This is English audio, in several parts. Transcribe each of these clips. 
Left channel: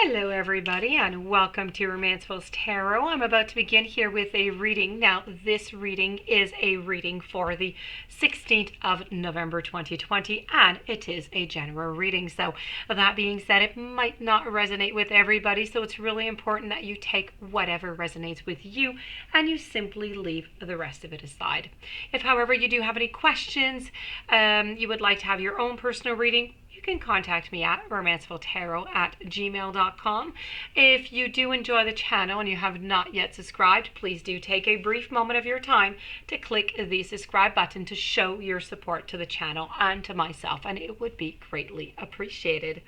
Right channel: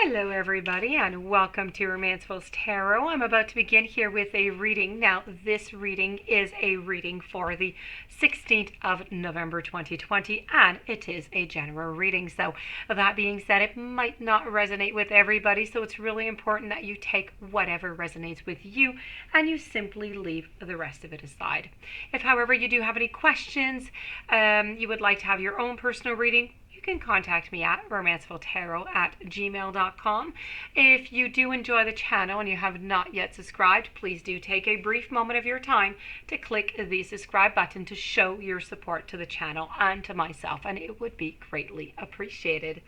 Hello everybody and welcome to Romancefull's Tarot. I'm about to begin here with a reading. Now this reading is a reading for the 16th of November 2020 and it is a general reading. So that being said, it might not resonate with everybody, so it's really important that you take whatever resonates with you and you simply leave the rest of it aside. If however you do have any questions, you would like to have your own personal reading, you can contact me at romancefulltarot@gmail.com. If you do enjoy the channel and you have not yet subscribed, please do take a brief moment of your time to click the subscribe button to show your support to the channel and to myself, and it would be greatly appreciated.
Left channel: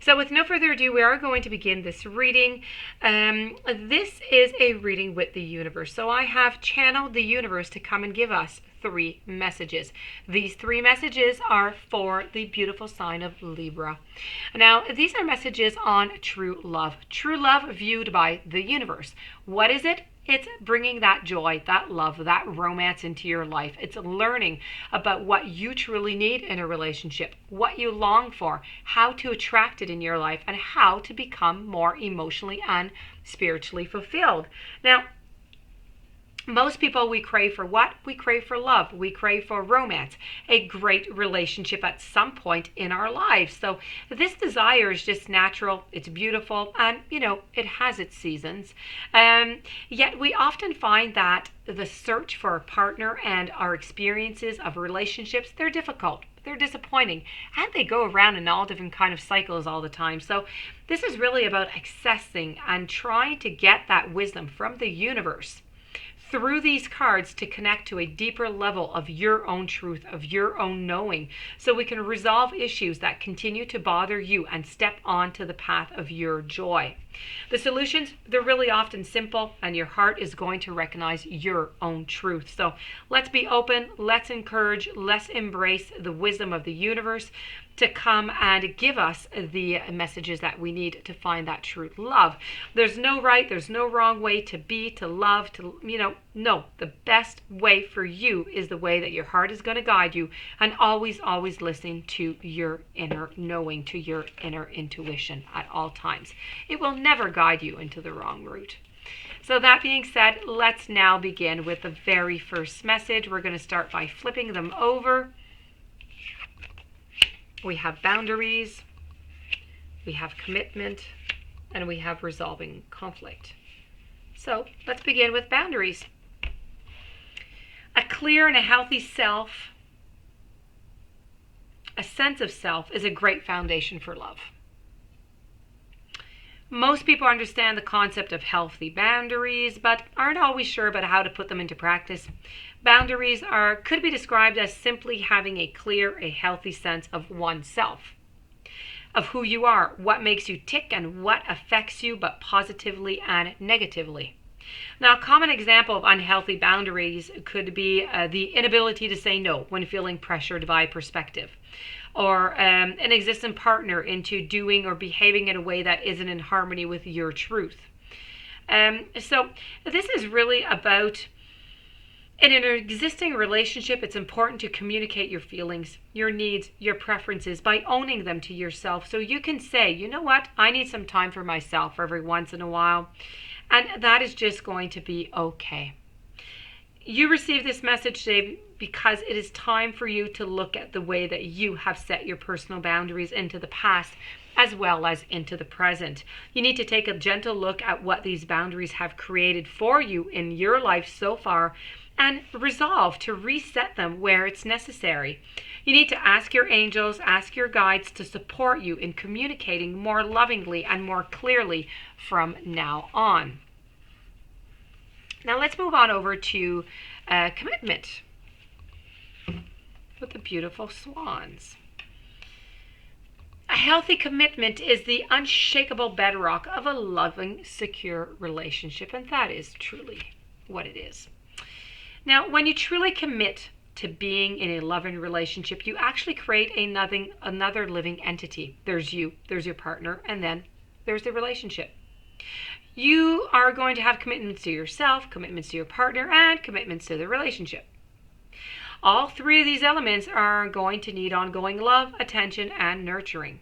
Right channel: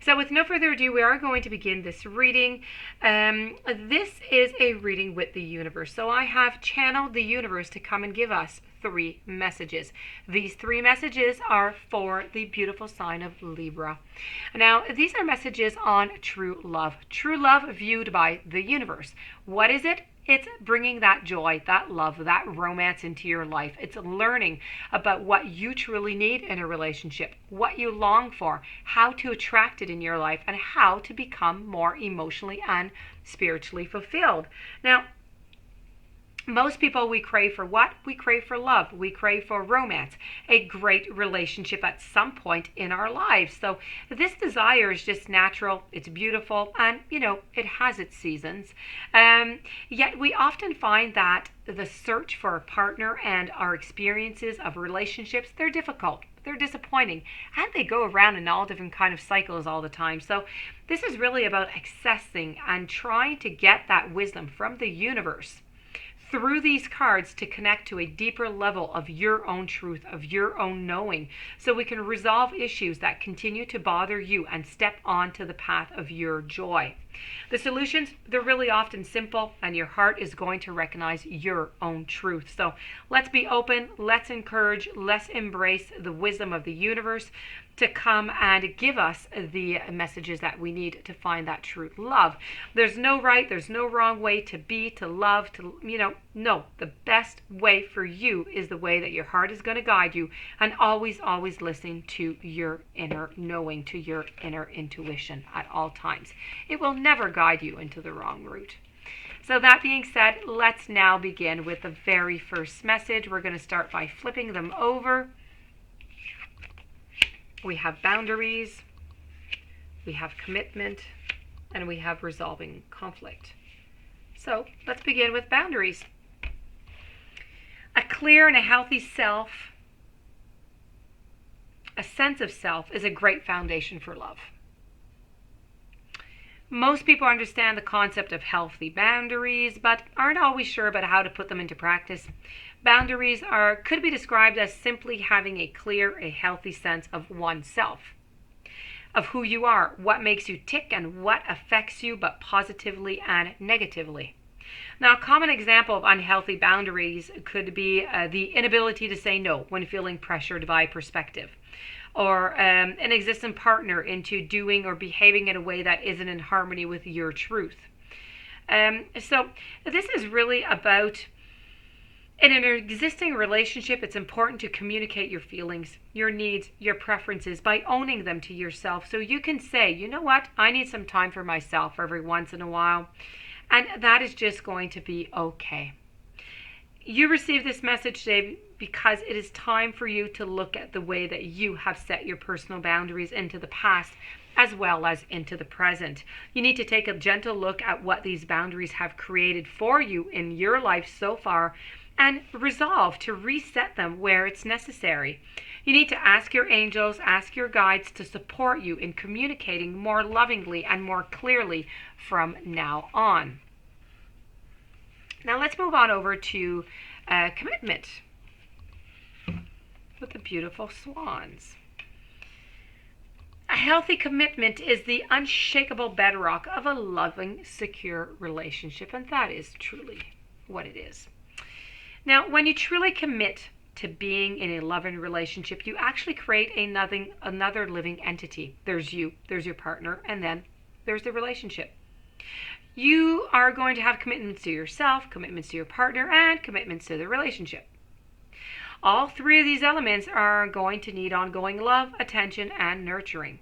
So with no further ado, we are going to begin this reading. This is a reading with the universe. So I have channeled the universe to come and give us 3 messages. These 3 messages are for the beautiful sign of Libra. Now, these are messages on true love. True love viewed by the universe. What is it? It's bringing that joy, that love, that romance into your life. It's learning about what you truly need in a relationship, what you long for, how to attract it in your life, and how to become more emotionally and spiritually fulfilled. Now, most people, we crave for what? We crave for love. We crave for romance, a great relationship at some point in our lives. So this desire is just natural. It's beautiful. And, it has its seasons. Yet we often find that the search for a partner and our experiences of relationships, they're difficult. They're disappointing. And they go around in all different kind of cycles all the time. So this is really about accessing and trying to get that wisdom from the universe through these cards to connect to a deeper level of your own truth, of your own knowing, so we can resolve issues that continue to bother you and step onto the path of your joy. The solutions, they're really often simple, and your heart is going to recognize your own truth. So let's be open, let's encourage, let's embrace the wisdom of the universe to come and give us the messages that we need to find that true love. There's no right, there's no wrong way to be, to love, no. The best way for you is the way that your heart is going to guide you, and always listen to your inner knowing, to your inner intuition at all times. It will never guide you into the wrong route. So that being said, let's now begin with the very first message. We're going to start by flipping them over. We have boundaries, we have commitment, and we have resolving conflict. So let's begin with boundaries. A clear and a healthy self, a sense of self, is a great foundation for love. Most people understand the concept of healthy boundaries, but aren't always sure about how to put them into practice. Boundaries could be described as simply having a clear, a healthy sense of oneself, of who you are, what makes you tick, and what affects you, but positively and negatively. Now, a common example of unhealthy boundaries could be the inability to say no when feeling pressured by perspective, or an existing partner into doing or behaving in a way that isn't in harmony with your truth. So this is really about, in an existing relationship, it's important to communicate your feelings, your needs, your preferences by owning them to yourself. So you can say, you know what, I need some time for myself every once in a while. And that is just going to be okay. You receive this message today because it is time for you to look at the way that you have set your personal boundaries into the past as well as into the present. You need to take a gentle look at what these boundaries have created for you in your life so far and resolve to reset them where it's necessary. You need to ask your angels, ask your guides to support you in communicating more lovingly and more clearly from now on. Now let's move on over to commitment with the beautiful swans. A healthy commitment is the unshakable bedrock of a loving, secure relationship, and that is truly what it is. Now, when you truly commit to being in a loving relationship, you actually create another living entity. There's you, there's your partner, and then there's the relationship. You are going to have commitments to yourself, commitments to your partner, and commitments to the relationship. All 3 of these elements are going to need ongoing love, attention, and nurturing.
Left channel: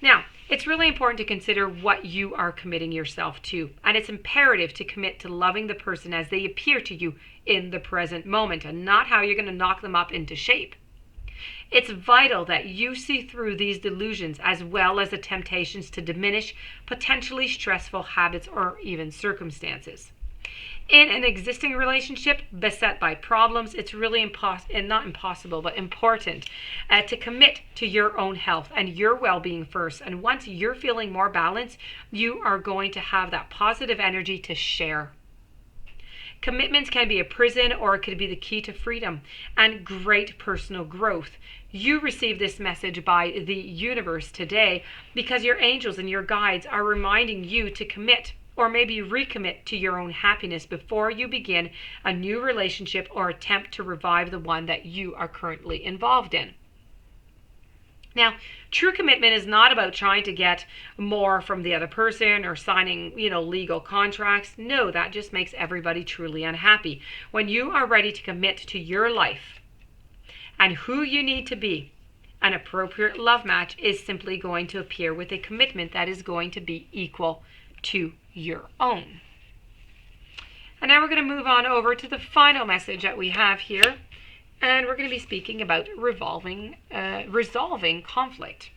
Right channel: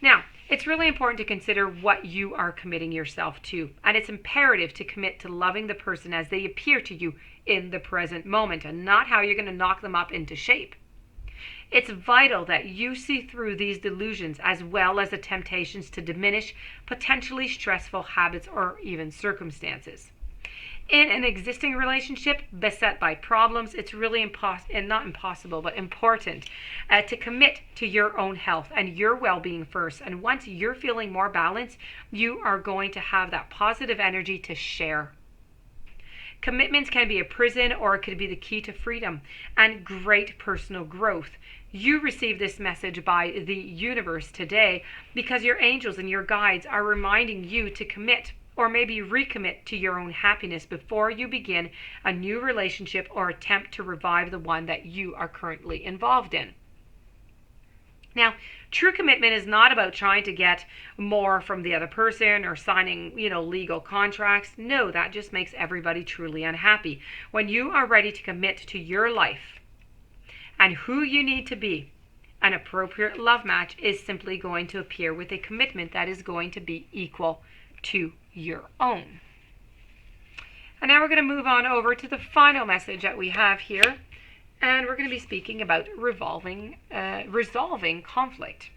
Now, It's really important to consider what you are committing yourself to, and it's imperative to commit to loving the person as they appear to you in the present moment and not how you're going to knock them up into shape. It's vital that you see through these delusions as well as the temptations to diminish potentially stressful habits or even circumstances. In an existing relationship beset by problems, it's really not impossible, but important to commit to your own health and your well-being first. And once you're feeling more balanced, you are going to have that positive energy to share. Commitments can be a prison, or it could be the key to freedom and great personal growth. You receive this message by the universe today because your angels and your guides are reminding you to commit or maybe recommit to your own happiness before you begin a new relationship or attempt to revive the one that you are currently involved in. Now, true commitment is not about trying to get more from the other person or signing, legal contracts. No, that just makes everybody truly unhappy. When you are ready to commit to your life and who you need to be, an appropriate love match is simply going to appear with a commitment that is going to be equal to your own. And now we're going to move on over to the final message that we have here, and we're going to be speaking about resolving conflict.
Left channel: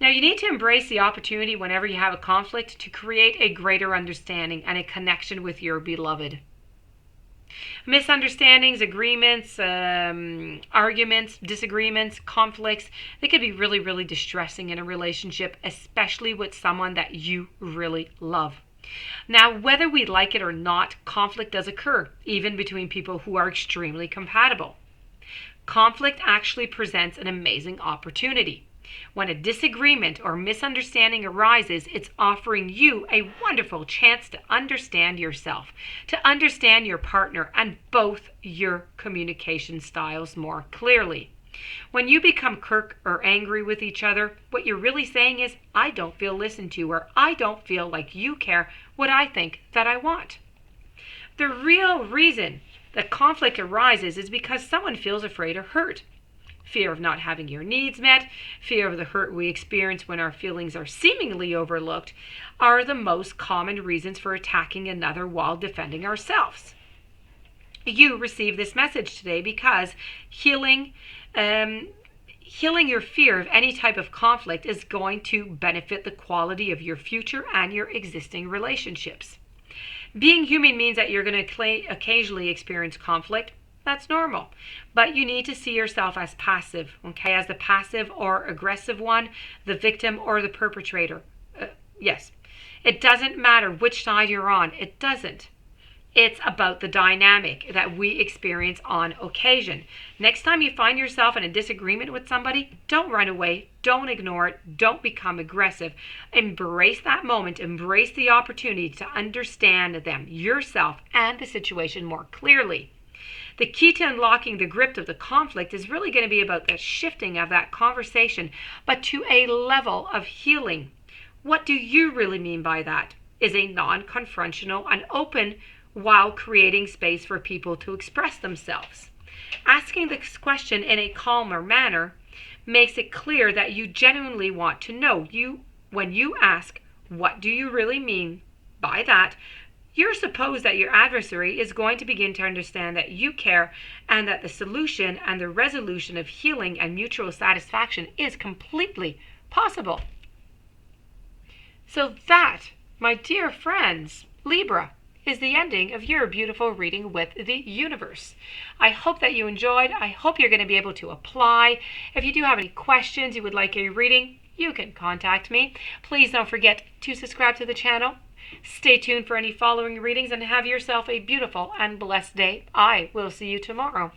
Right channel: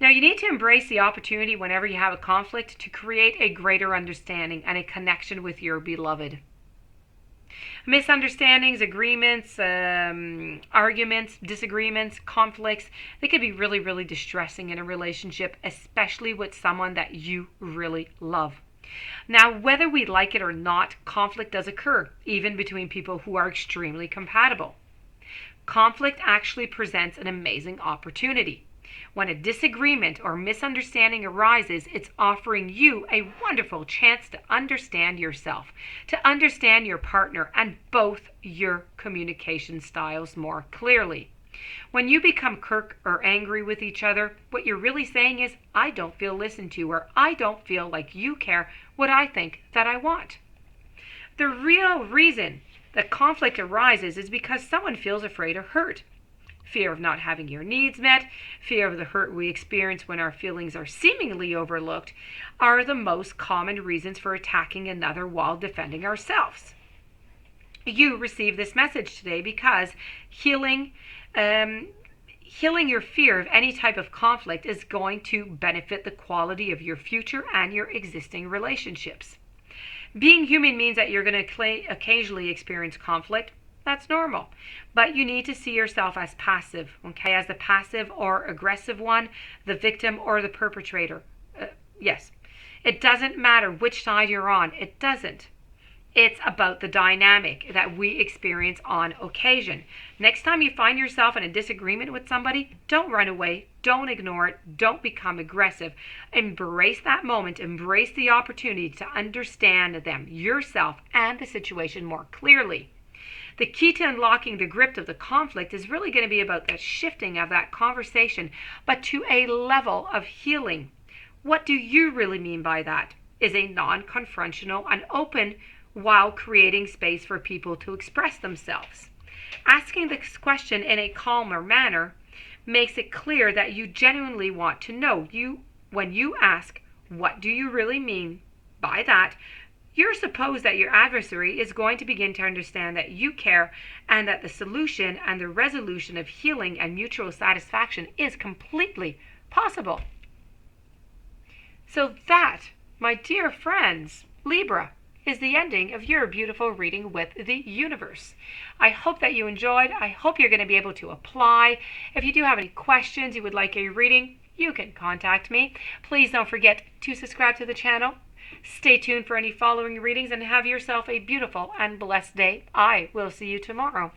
Now, you need to embrace the opportunity whenever you have a conflict to create a greater understanding and a connection with your beloved. Misunderstandings, agreements, arguments, disagreements, conflicts, they could be really, really distressing in a relationship, especially with someone that you really love. Now, whether we like it or not, conflict does occur, even between people who are extremely compatible. Conflict actually presents an amazing opportunity. When a disagreement or misunderstanding arises, it's offering you a wonderful chance to understand yourself, to understand your partner and both your communication styles more clearly. When you become kirk or angry with each other, what you're really saying is, I don't feel listened to, or I don't feel like you care what I think that I want. The real reason that conflict arises is because someone feels afraid or hurt. Fear of not having your needs met, fear of the hurt we experience when our feelings are seemingly overlooked, are the most common reasons for attacking another while defending ourselves. You receive this message today because healing your fear of any type of conflict is going to benefit the quality of your future and your existing relationships. Being human means that you're going to occasionally experience conflict. That's normal. But you need to see yourself as passive, okay? As the passive or aggressive one, the victim or the perpetrator. Yes. It doesn't matter which side you're on. It doesn't. It's about the dynamic that we experience on occasion. Next time you find yourself in a disagreement with somebody, don't run away. Don't ignore it. Don't become aggressive. Embrace that moment. Embrace the opportunity to understand them, yourself, and the situation more clearly. The key to unlocking the grip of the conflict is really going to be about the shifting of that conversation, but to a level of healing. What do you really mean by that? Is a non-confrontational and open while creating space for people to express themselves. Asking this question in a calmer manner makes it clear that you genuinely want to know. When you ask, what do you really mean by that? You're supposed that your adversary is going to begin to understand that you care and that the solution and the resolution of healing and mutual satisfaction is completely possible. So that, my dear friends, Libra, is the ending of your beautiful reading with the universe. I hope that you enjoyed. I hope you're going to be able to apply. If you do have any questions, you would like a reading, you can contact me. Please don't forget to subscribe to the channel. Stay tuned for any following readings and have yourself a beautiful and blessed day. I will see you tomorrow.